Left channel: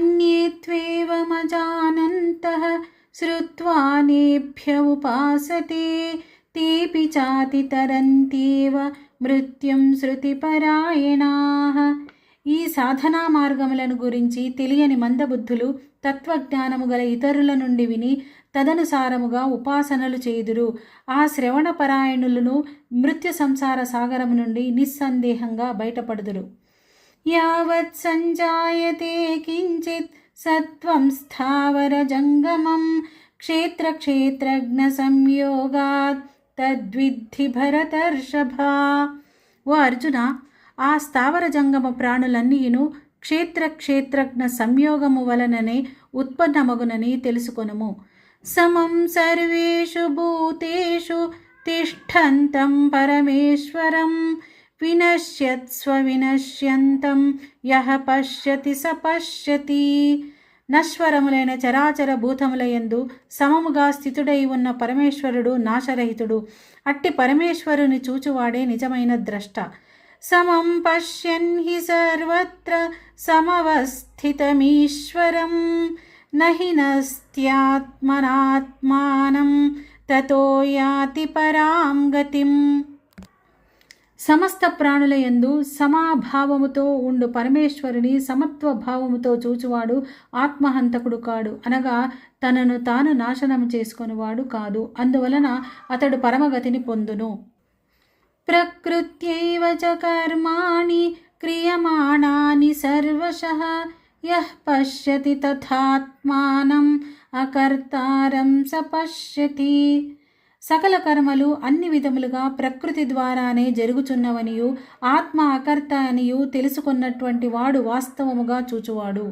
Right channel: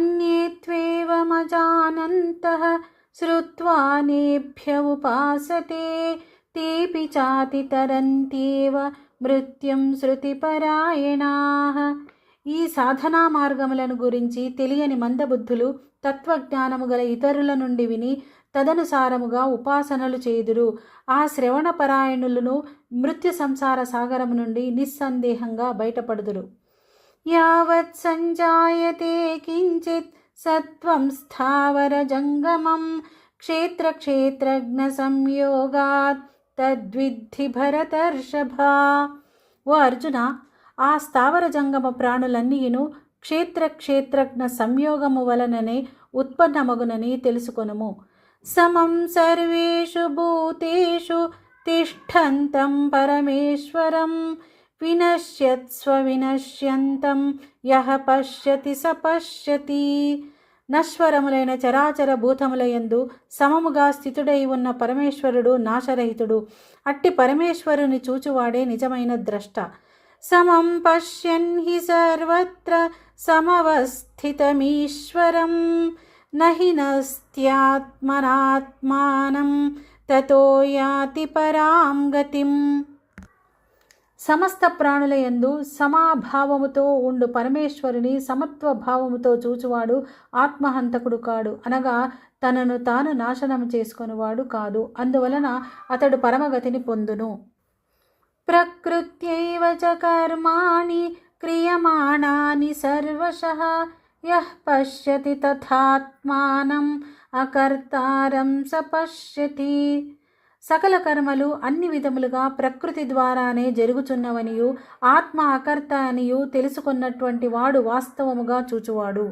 अन्ये त्वेवमजानन्तः श्रुत्वा नेभ्य उपासते तेऽपि चातितरन्त्येव మృత్యుం శృతిపరాయణాః. ఈ సాధనా మార్గములను గురించి తెలియని మందబుద్ధులు తత్వజ్ఞానము గల ఇతరుల నుండి విని తదనుసారముగా ఉపాసనలు చేయుదురు. ఆ శ్రవణపరాయణులను మృత్యు సంసార సాగరము నుండి నిస్సందేహంగా బయటపడుదురు. యావత్ సంజాయతే కించిత్ సత్వం స్థావర జంగమం క్షేత్రజ్ఞ సంయోగాత్ తద్విద్ధి భరతర్షభ. ఓ అర్జున, ఆ స్థావర జంగమ ప్రాణులన్నీను క్షేత్రజ్ఞ సంయోగము వలననే ఉత్పన్నమగునని తెలుసుకొనుము. సమం సర్వేషు భూతేషు తిష్టంతం పరమేశ్వరం వినశ్యత్స్వ వినశ్యంతం యః పశ్యతి స పశ్యతి. నశ్వరములైన చరాచర భూతములయందు సమముగా స్థితుడై ఉన్న పరమేశ్వరుడు నాశరహితుడు. అట్టి పరమేశ్వరుని చూచువాడే నిజమైన ద్రష్ట. సమం పశ్యన్ హి సర్వత్ర సమవస్థితమీశ్వరం నహి నస్త్యాత్మనాత్మానం తతో యాతి పరాం గతిం. సమస్త ప్రాణులయందు సమాభావముతో ఉండు పరమేశ్వరుని సమత్వ భావముతో చూచువాడు ఆత్మహంతకుడు కాడు, అనగా తనను తాను నాశనం చేసుకొనివాడు కాదు. అందువలన అతడు పరమగతిని పొందును. ప్రకృత్యైవ చ కర్మాణి క్రియమాణాని సర్వశః యః పశ్యతి తథాత్మానం అకర్తారం స పశ్యతి. సకల కర్మలు అన్ని విధములుగా ప్రకృతి ద్వారానే జరుగుచున్నవనియు ఆత్మ అకర్త అనియు తెలుసుకున్నటువంటి వాడు వాస్తవముగా చూచువాడు.